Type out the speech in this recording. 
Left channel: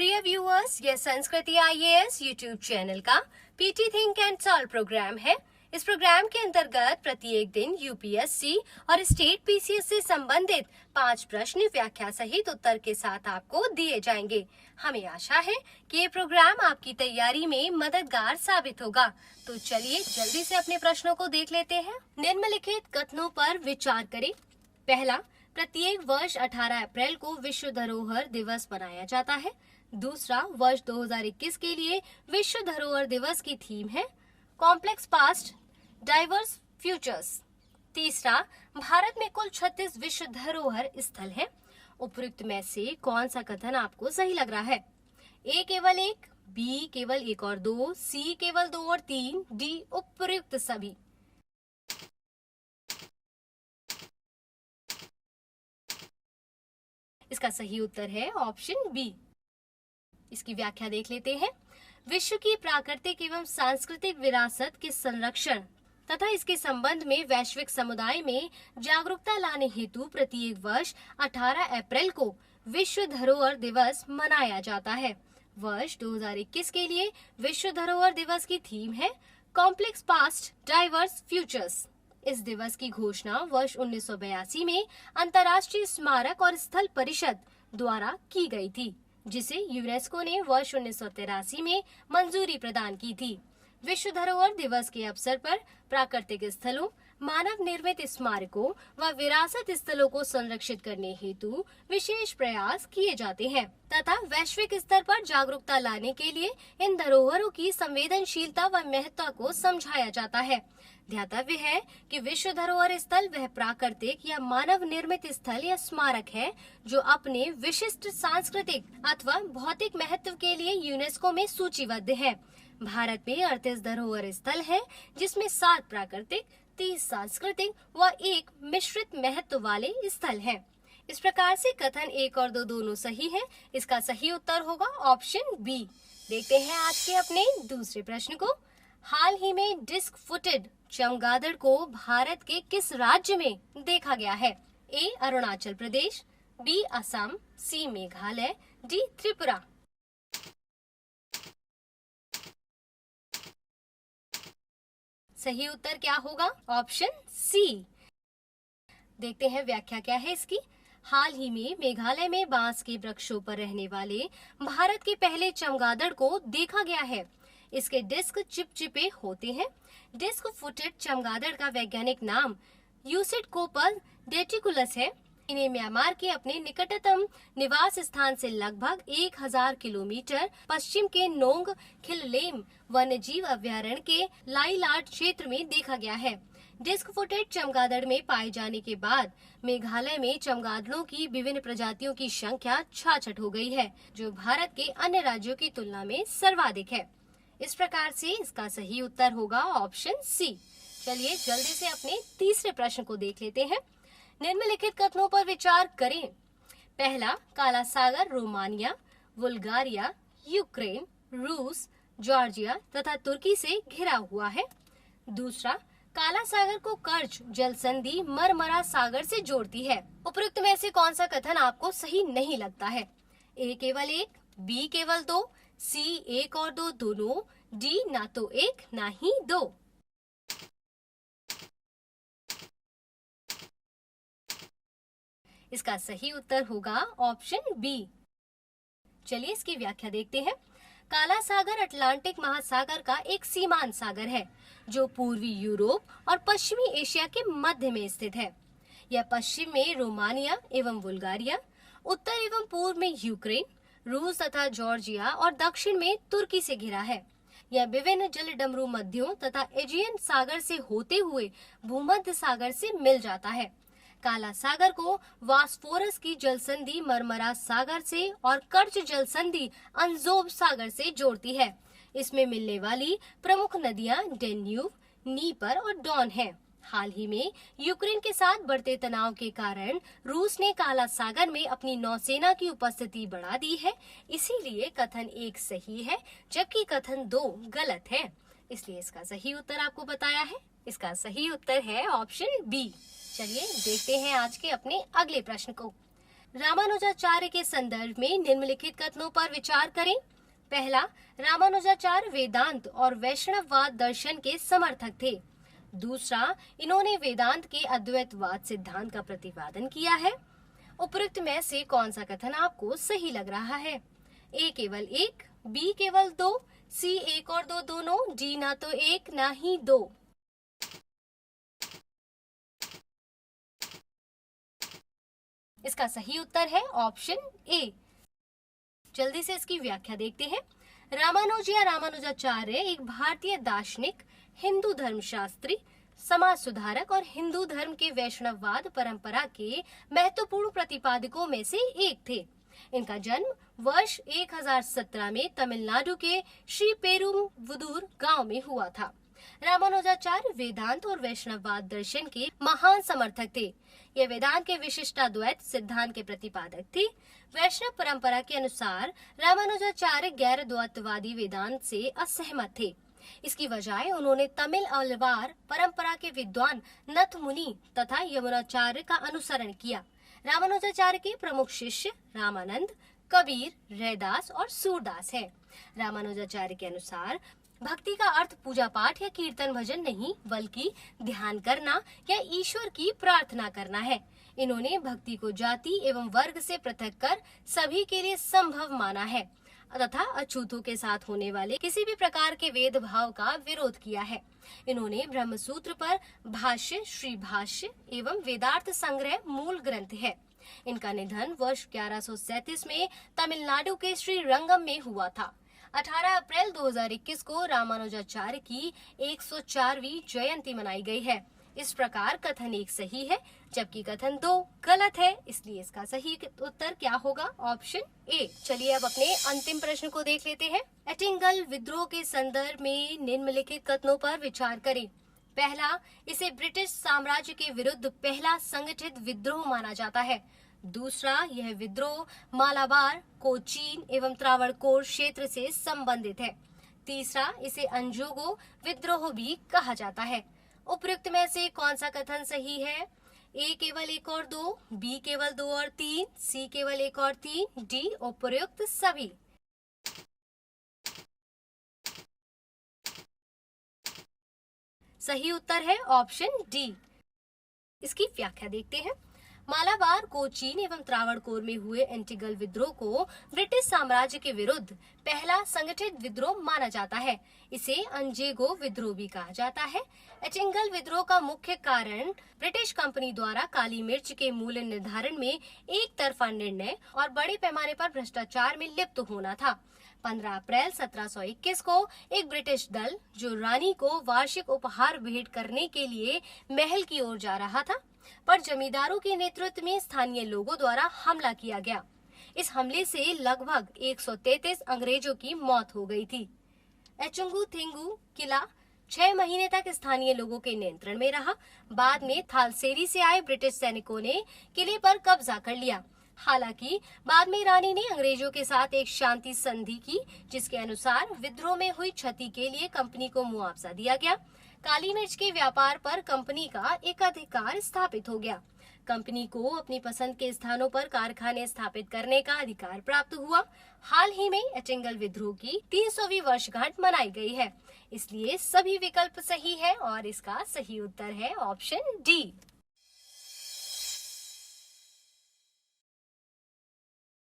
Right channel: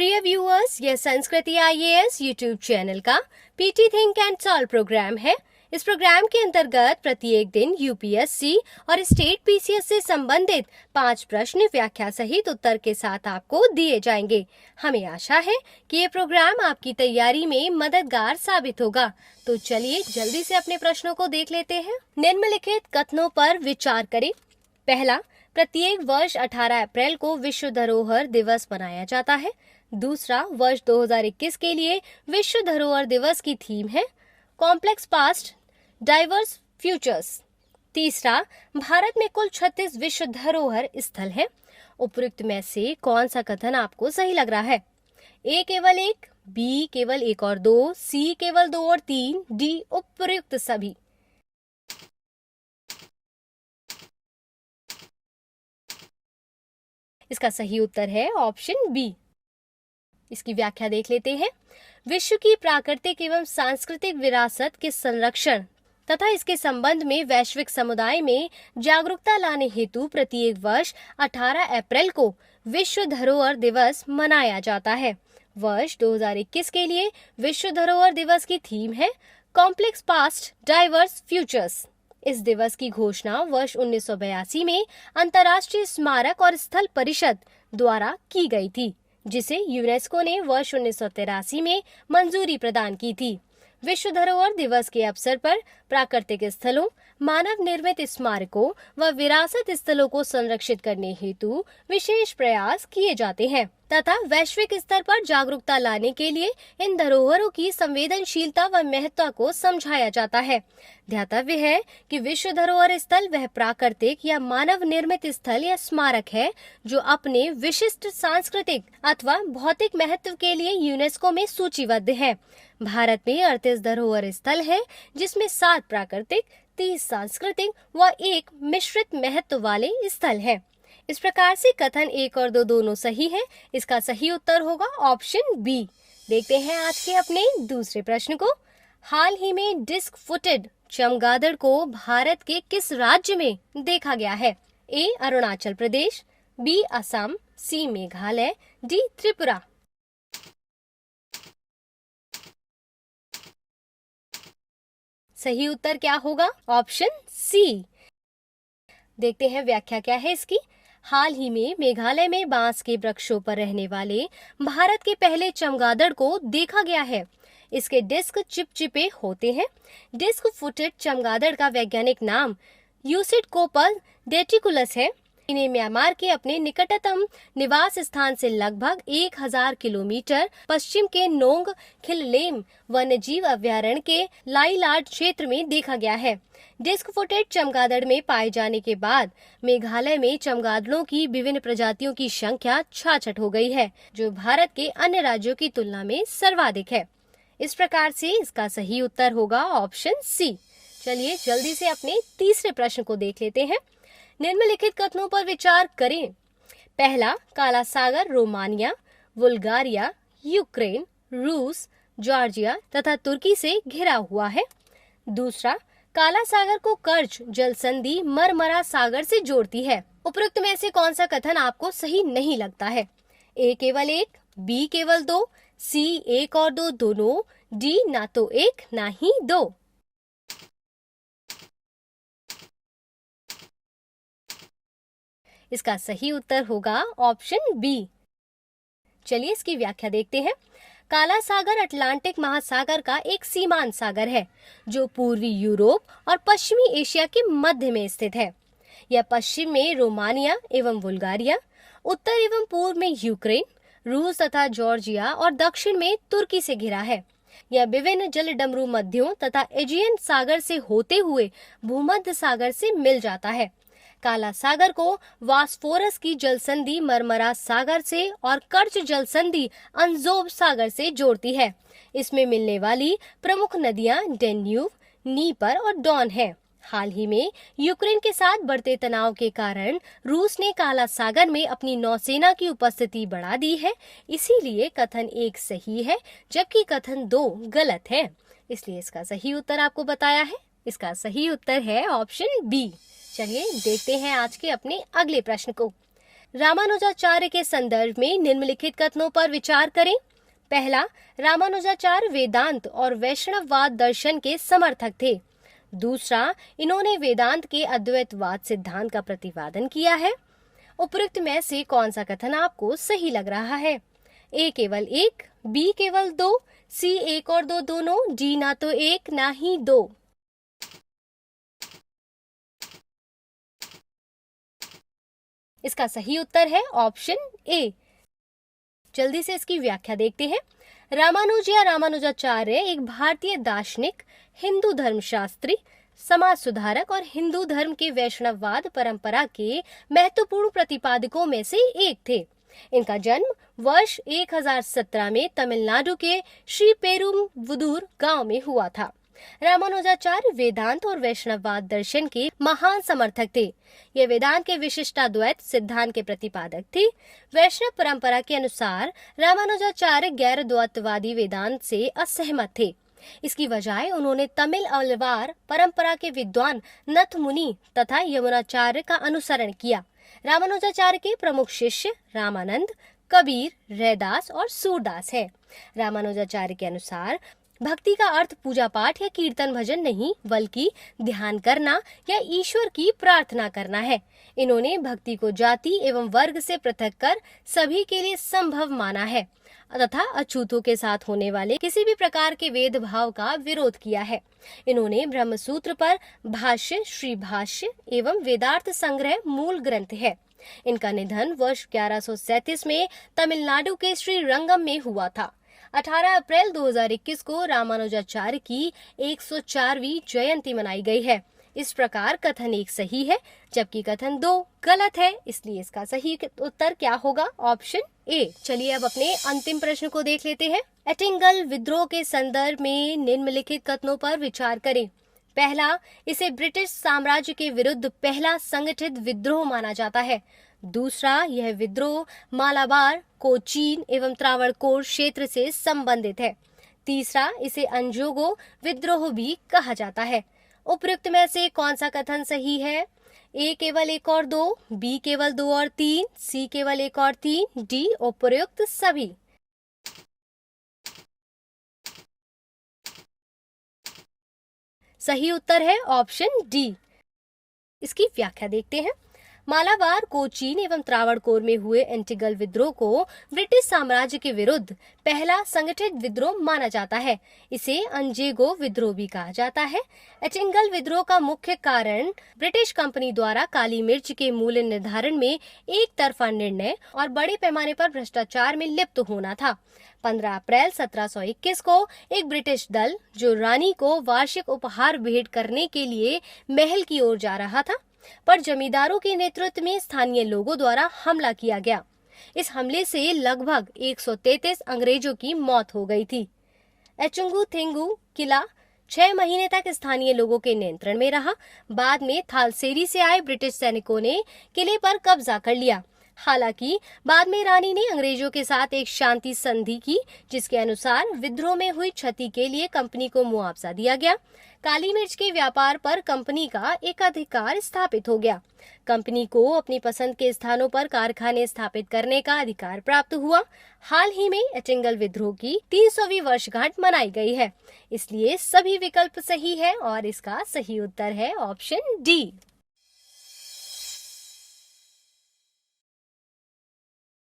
प्रिय व्यूअर्स, यह Sanskriti IAS YouTube channel का PT think and solve program है। इस प्रोग्राम के अंतर्गत प्रत्येक दिन यूपीएससी और स्टेट पीसीएस से संबंधित 5 प्रश्न व्याख्या सहित उत्तर के साथ आपको दिए जाएंगे। हमें आशा है कि ये प्रोग्राम आपकी तैयारी में मददगार साबित होगा। तो चलिए जल्दी से अपने प्रश्नों को देख लेते हैं। निम्नलिखित कथनों पर विचार करें। पहला, प्रत्येक वर्ष 18 अप्रैल को विश्व धरोहर दिवस मनाया जाता है। दूसरा, वर्ष 2021 के लिए विश्व धरोहर दिवस की थीम है कॉम्प्लेक्स पास्ट डाइवर्स फ्यूचर्स। तीसरा, भारत में कुल 36 विश्व धरोहर स्थल हैं। उपयुक्त में से कौन सा कथन आपको सही लग रहा है? ए केवल 1, बी केवल 1 और 2, सी केवल 2 और 3, डी उपयुक्त सभी। इसका सही उत्तर है ऑप्शन बी। इसकी व्याख्या देख लेते हैं। विश्व की प्राकृतिक एवं सांस्कृतिक विरासत के संरक्षण तथा इसके संबंध में वैश्विक समुदाय में जागरूकता लाने हेतु प्रत्येक वर्ष 18 अप्रैल को विश्व धरोहर दिवस मनाया जाता है। वर्ष 2021 के लिए विश्व धरोहर दिवस की थीम है कॉम्प्लेक्स पास्ट डाइवर्स फ्यूचर्स। इस दिवस की घोषणा वर्ष 1982 में अंतर्राष्ट्रीय स्मारक और स्थल परिषद द्वारा की गई थी, जिसे यूनेस्को ने वर्ष 1983 में मंजूरी प्रदान की थी। विश्व धरोहर दिवस के अवसर पर प्राकृतिक स्थलों, मानव निर्मित स्मारकों व विरासत स्थलों को संरक्षित करने हेतु विशेष प्रयास किए जाते हैं तथा वैश्विक स्तर पर जागरूकता लाने के लिए इन धरोहरों की संवेदनशीलता व महत्व को समझाया जाता है। ध्यातव्य है कि विश्व धरोहर स्थल वह प्राकृतिक या मानव निर्मित स्थल या स्मारक है जो अपने विशिष्ट सांस्कृतिक अथवा भौतिक महत्व के लिए यूनेस्को में सूचीबद्ध है। भारत में 38 धरोहर स्थल है, जिसमें 7 प्राकृतिक, 30 सांस्कृतिक व 1 मिश्रित महत्व वाले स्थल है। इस प्रकार से कथन 1 और 2 दोनों सही है। इसका सही उत्तर होगा ऑप्शन बी। देखते हैं आज के अपने दूसरे प्रश्न को। हाल ही में डिस्क फुटेड चमगादड़ को भारत के किस राज्य में देखा गया है? A Arunachal Pradesh, B Assam, C Meghalaya, D Tripura. सही उत्तर क्या होगा? Option C. देखते हैं व्याख्या क्या है इसकी। हाल ही में मेघालय में बांस के वृक्षों पर रहने वाले भारत के पहले चमगादड़ को देखा गया है। इसके डिस्क चिपचिपे होते हैं। डिस्क फुटेड चमगादड़ का वैज्ञानिक नाम यूसिडकोपस डेटिकुलस है। इन्हें म्यांमार के अपने निकटतम निवास स्थान से लगभग 1000 किलोमीटर पश्चिम के नोंग खिललेम वन्यजीव अभयारण्य के लाईलाड क्षेत्र में देखा गया है। डिस्क फुटेड चमगादड़ में पाए जाने के बाद मेघालय में चमगादड़ों की विभिन्न प्रजातियों की संख्या 66 हो गई है, जो भारत के अन्य राज्यों की तुलना में सर्वाधिक है। इस प्रकार से इसका सही उत्तर होगा ऑप्शन सी। चलिए जल्दी से अपने तीसरे प्रश्न को देख लेते हैं। निम्नलिखित कथनों पर विचार करें। पहला, काला सागर रोमानिया, बुल्गारिया, यूक्रेन, रूस, जॉर्जिया तथा तुर्की से घिरा हुआ है। दूसरा, काला सागर को कर्ज जल संधि मरमरा सागर से जोड़ती है। उपरोक्त में से कौन सा कथन आपको सही नहीं लगता है? ए केवल 1, बी केवल 2, सी 1 और 2 दोनों, डी ना तो 1 ना ही 2। इसका सही उत्तर होगा ऑप्शन बी। चलिए इसकी व्याख्या देखते हैं। काला सागर अटलांटिक महासागर का एक सीमांत सागर है, जो पूर्वी यूरोप और पश्चिमी एशिया के मध्य में स्थित है। यह पश्चिम में रोमानिया एवं बुल्गारिया, उत्तर एवं पूर्व में यूक्रेन, रूस तथा जॉर्जिया और दक्षिण में तुर्की से घिरा है। यह विभिन्न जलडमरू मध्यों तथा एजियन सागर से होते हुए भूमध्य सागर से मिल जाता है। काला सागर को वास्फोरस की जलसंधि मरमरा सागर से और कर्च जलसंधि अनजोब सागर से जोड़ती है। इसमें मिलने वाली प्रमुख नदियां डेन्यूब, नीपर और डॉन है। हाल ही में यूक्रेन के साथ बढ़ते तनाव के कारण रूस ने काला सागर में अपनी नौसेना की उपस्थिति बढ़ा दी है। इसीलिए कथन 1 सही है, जबकि कथन 2 गलत है। इसलिए इसका सही उत्तर आपको बताया है। इसका सही उत्तर है ऑप्शन बी। चलिए देखते हैं आज के अपने अगले प्रश्न को। रामानुजाचार्य के संदर्भ में निम्नलिखित कथनों पर विचार करें। पहला, रामानुजाचार्य वेदांत और वैष्णववाद दर्शन के समर्थक थे। दूसरा, इन्होंने वेदांत के अद्वैतवाद सिद्धांत का प्रतिपादन किया है। उपरोक्त में से कौन सा कथन आपको सही लग रहा है? ए केवल एक, बी केवल दो, सी एक और दो दोनों, डी ना तो एक ना ही दो। इसका सही उत्तर है ऑप्शन ए। जल्दी से इसकी व्याख्या देखते हैं। रामानुज या रामानुजाचार्य एक भारतीय दार्शनिक, हिंदू धर्मशास्त्री, समाज सुधारक और हिंदू धर्म के वैष्णववाद परंपरा के महत्वपूर्ण प्रतिपादकों में से एक थे। इनका जन्म वर्ष 1017 में तमिलनाडु के श्री पेरुम्बुदूर गांव में हुआ था। रामानुजाचार्य वेदांत और वैष्णववाद दर्शन के महान समर्थक थे। ये वेदांत के विशिष्टाद्वैत सिद्धांत के प्रतिपादक थे। वैष्णव परंपरा के अनुसार रामानुजाचार्य गैर द्वैतवादी वेदांत से असहमत थे। इसकी बजाय उन्होंने तमिल अलवार परंपरा के विद्वान नथ मुनि तथा यमुनाचार्य का अनुसरण किया। रामानुजाचार्य के प्रमुख शिष्य रामानंद, कबीर, रैदास और सूरदास है। रामानुजाचार्य के अनुसार भक्ति का अर्थ पूजा पाठ या कीर्तन भजन नहीं, बल्कि ध्यान करना या ईश्वर की प्रार्थना करना है। इन्होंने भक्ति को जाति एवं वर्ग से पृथक कर सभी के लिए संभव माना है तथा अछूतों के साथ होने वाले किसी भी प्रकार के भेदभाव का विरोध किया है। इन्होंने ब्रह्म सूत्र पर भाष्य, श्री भाष्य एवं वेदार्थ संग्रह मूल ग्रंथ है। इनका निधन वर्ष 1137 में तमिलनाडु के श्री रंगम में हुआ था। 18 अप्रैल 2021 को रामानुजाचार्य की 104वीं जयंती मनाई गई है। इस प्रकार कथन 1 सही है, जबकि कथन 2 गलत है। इसलिए इसका सही उत्तर क्या होगा? Option A. चलिए अब अपने अंतिम प्रश्न को देख लेते हैं। एटिंगल विद्रोह के संदर्भ में निम्नलिखित कथनों पर विचार करें। पहला, इसे ब्रिटिश साम्राज्य के विरुद्ध पहला संगठित विद्रोह माना जाता है। दूसरा, यह विद्रोह मालाबार, कोचीन एवं त्रावणकोर क्षेत्र से संबंधित है। तीसरा, इसे अंजोगो विद्रोह भी कहा जाता है। उपयुक्त में से कौन सा कथन सही है? ए केवल 1 और 2, बी केवल 2 और 3, सी केवल 1 और 3, डी उपयुक्त सभी। सही उत्तर है ऑप्शन डी। इसकी व्याख्या देखते हैं। मालाबार, कोचीन एवं त्रावणकोर में हुए एंटिगल विद्रोह को ब्रिटिश साम्राज्य के विरुद्ध पहला संगठित विद्रोह माना जाता है। इसे अंजेगो विद्रोह भी कहा जाता है। एटिंगल विद्रोह का मुख्य कारण ब्रिटिश कंपनी द्वारा काली मिर्च के मूल्य निर्धारण में एक तरफा निर्णय और बड़े पैमाने पर भ्रष्टाचार में लिप्त होना था। 15 अप्रैल 1721 को एक ब्रिटिश दल, जो रानी को वार्षिक उपहार भेंट करने के लिए महल की ओर जा रहा था, पर जमींदारों के नेतृत्व में स्थानीय लोगों द्वारा हमला किया गया। इस हमले से लगभग 133 अंग्रेजों की मौत हो गई थी। एचुंगु थेंगु किला 6 महीने तक स्थानीय लोगों के नियंत्रण में रहा। बाद में थालसेरी से आए ब्रिटिश सैनिकों ने किले पर कब्जा कर लिया। हालांकि बाद में रानी ने अंग्रेजों के साथ एक शांति संधि की, जिसके अनुसार विद्रोह में हुई क्षति के लिए कंपनी को मुआवजा दिया गया। काली मिर्च के व्यापार पर कंपनी का एकाधिकार स्थापित हो गया। कंपनी को अपनी पसंद के स्थानों पर कारखाने स्थापित करने का अधिकार प्राप्त हुआ। हाल ही में एटिंगल विद्रोह की 300वीं वर्षगांठ मनाई गई है। इसलिए सभी विकल्प सही है और इसका सही उत्तर है ऑप्शन डी।